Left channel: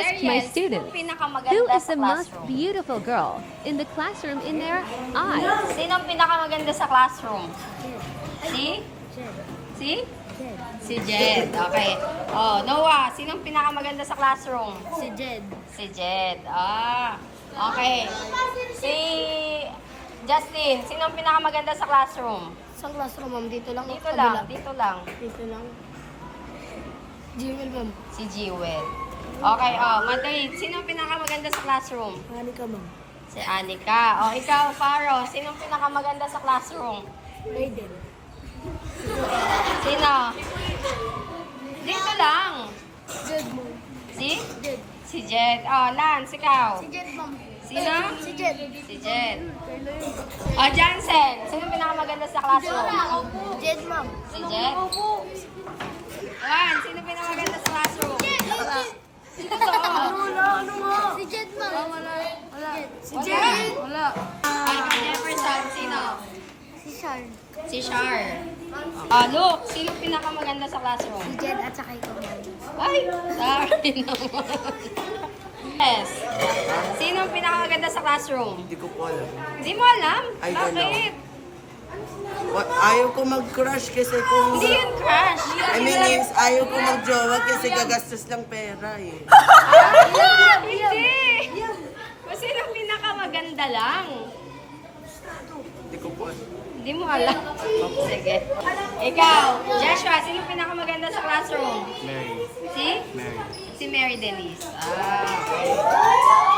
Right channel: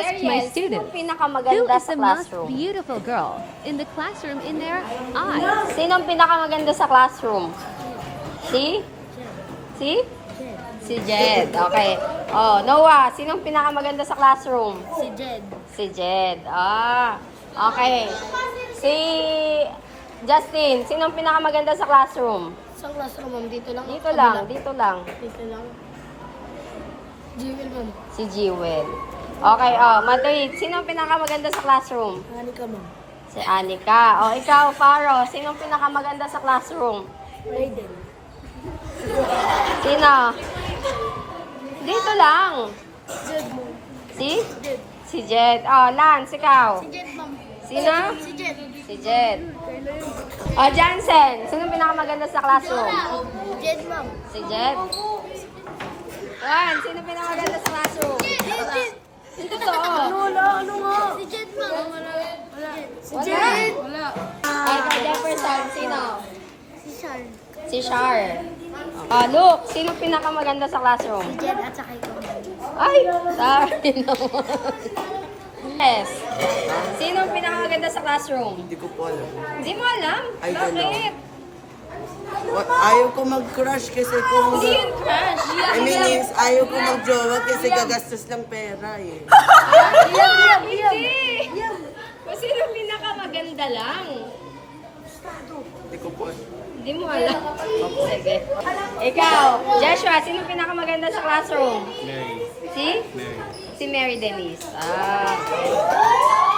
asked my Jeriel, students, sino pinakamaganda who is sa the most classroom? beautiful girl in the classroom in their eyes? Sinong pinakamaganda sa classroom? Si? Si? Si Jed. Okay. Oh, Noah, sinong pinakamaganda sa classroom? Si Jed. Si Jed. Okay. Si Justin, sinong pinakamaganda sa classroom? Sa classroom, ma'am. Dito lang. Dito kabila. lang, dito lang. Dito lang. Jewel, ma'am. Si Jewel. Okay, Matuid, sinong pinakamaganda sa classroom? Hani ka, ma'am. Si Anika. O, ikaw, Faro, sinong pinakamaganda sa classroom? Raiden. Sino? Dito lang. Jed, ma'am. Si? Jed. Si Jed. Oh, Lance, ikaw. Si Jed, ma'am. Sino? Si Jed. Si Jed. Kailan yun? O, Jansen, sinong pinakamaganda sa classroom? Jed, ma'am. Si Jed. Juan, sino pinakamaganda sa classroom? Dito to. Ano nga? Si Jed, ma'am. Wala. Si Jed. Wala. Ay, kay Jefferson, sino? Si Char. Si Char. Luke, sino pinakamaganda sa classroom? Si Jed at saka ikaw, ma'am. Ay, sorry naman. Yes. Sino pinakamaganda sa classroom? Hindi ko po alam. Hindi mo alam? I don't know. Bakit? Ayaw ko mag-crush kasi kung... Hindi yun crush. I mean, is, ayaw ko mag-jowa kasi gagastos lang pera eh. Hindi. Kung sino pinakamaganda lang. Hindi ko po alam. Hindi mo alam. Sige. Ikaw, Joshua, sino pinakamaganda sa classroom? Mary. Si? Mary. Si Mary Denise. Okay.